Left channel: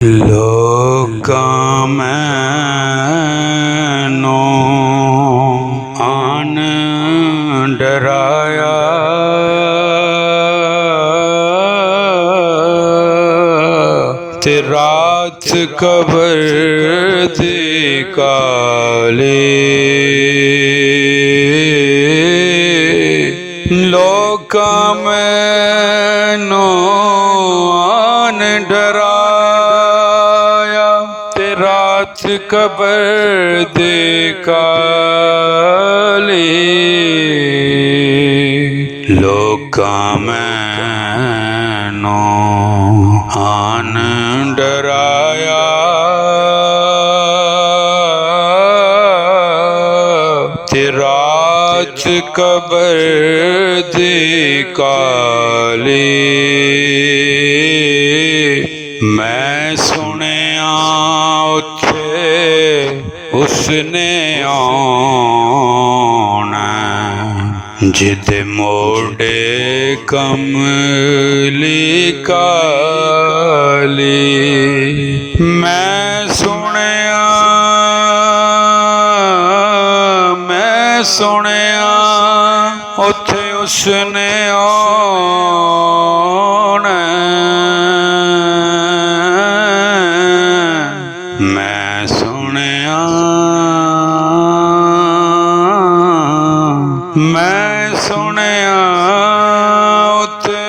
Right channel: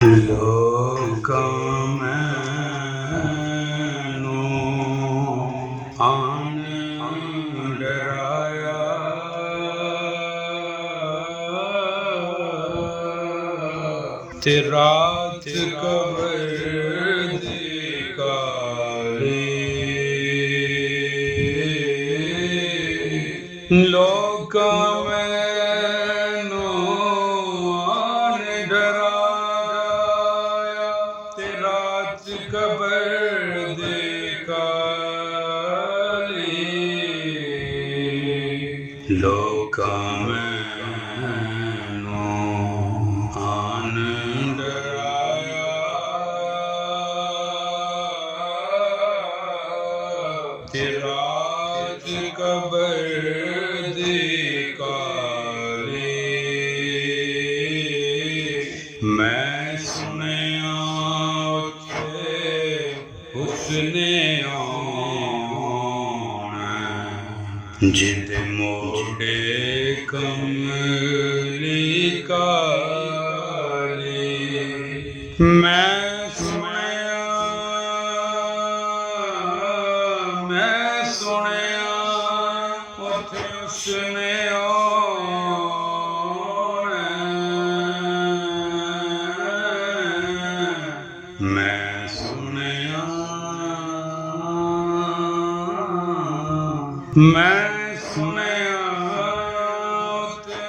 ਲੋਕਾਂ ਮੈਨੋ ਆਨ ਡਰਾਇਆ, ਤੇ ਰਾਤ ਕਬਰ ਦੀ ਕਾਲੀ। ਲੋਕਾਂ ਮੈਨੋ ਆਨ ਡਰਾਇਆ, ਤੇ ਰਾਤ ਕਬਰ ਦੀ ਕਾਲੀ। ਲੋਕਾਂ ਮੈਨੋ ਆਨ ਡਰਾਇਆ, ਤੇ ਰਾਤ ਕਬਰ ਦੀ ਕਾਲੀ। ਮੈਂ ਸੁਣਿਆ ਉੱਥੇ ਉਸਨੇ ਆਉਣਾ, ਜਿਹਦੇ ਮੋਢੇ ਕਮਲੀ ਕਾਲੀ। ਮੈਂ ਸੁਣਿਆ ਉੱਥੇ ਉਸਨੇ ਆਉਣਾ। ਮੈਂ ਸੁਣਿਆ ਉੱਥੇ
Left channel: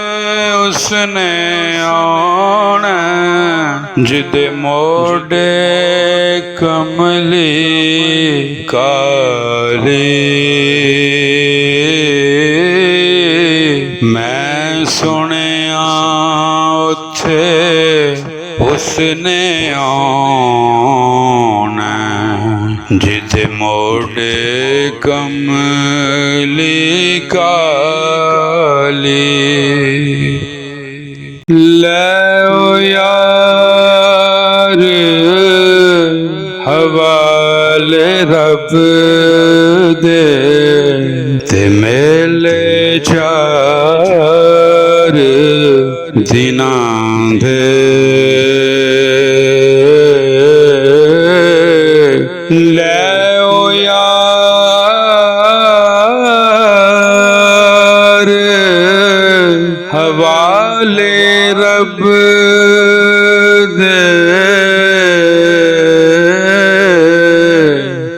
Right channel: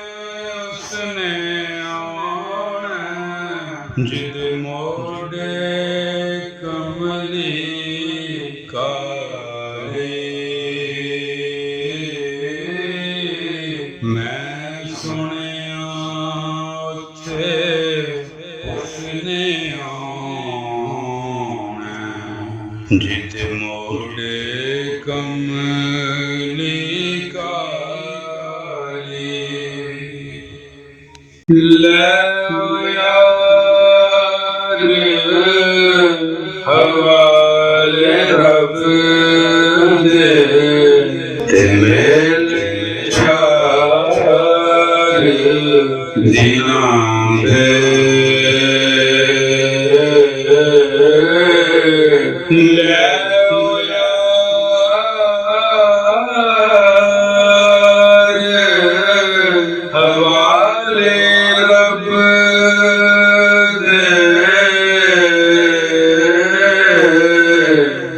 ਉਸਨੇ ਆਉਣਾ, ਜਿਹਦੇ ਮੋਢੇ ਕਮਲੀ ਕਾਲੀ। ਮੈਂ ਸੁਣਿਆ ਉੱਥੇ ਉਸਨੇ ਆਉਣਾ, ਜਿਹਦੇ ਮੋਢੇ ਕਮਲੀ ਕਾਲੀ। ਲੈ ਓ ਯਾਰ ਹਵਾਲੇ ਰੱਬ ਦੇ, ਤੇ ਮੇਲੇ ਚਾਰ ਦਿਨਾਂ ਦੇ। ਲੈ ਓ ਯਾਰ ਹਵਾਲੇ ਰੱਬ ਦੇ,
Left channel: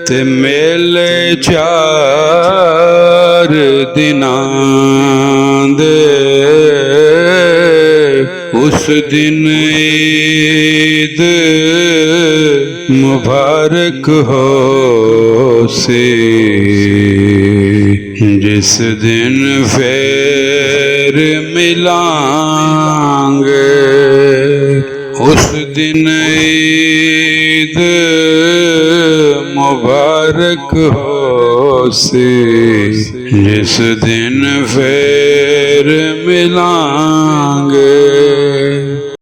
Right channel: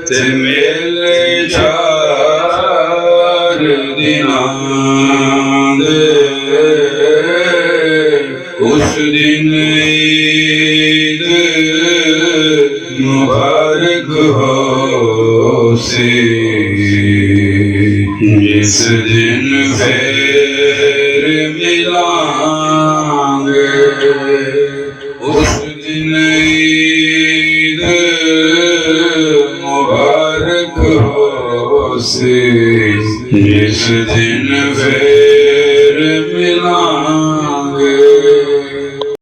ਤੇ ਮੇਲੇ ਚਾਰ ਦਿਨਾਂ ਦੇ। ਉਸ ਦਿਨ ਈਦ ਮੁਬਾਰਕ ਹੋਸੀ, ਜਿਸ ਦਿਨ ਫੇਰ ਮਿਲਾਂਗੇ। ਉਸ ਦਿਨ ਈਦ ਮੁਬਾਰਕ ਹੋਸੀ, ਜਿਸ ਦਿਨ ਫੇਰ ਮਿਲਾਂਗੇ।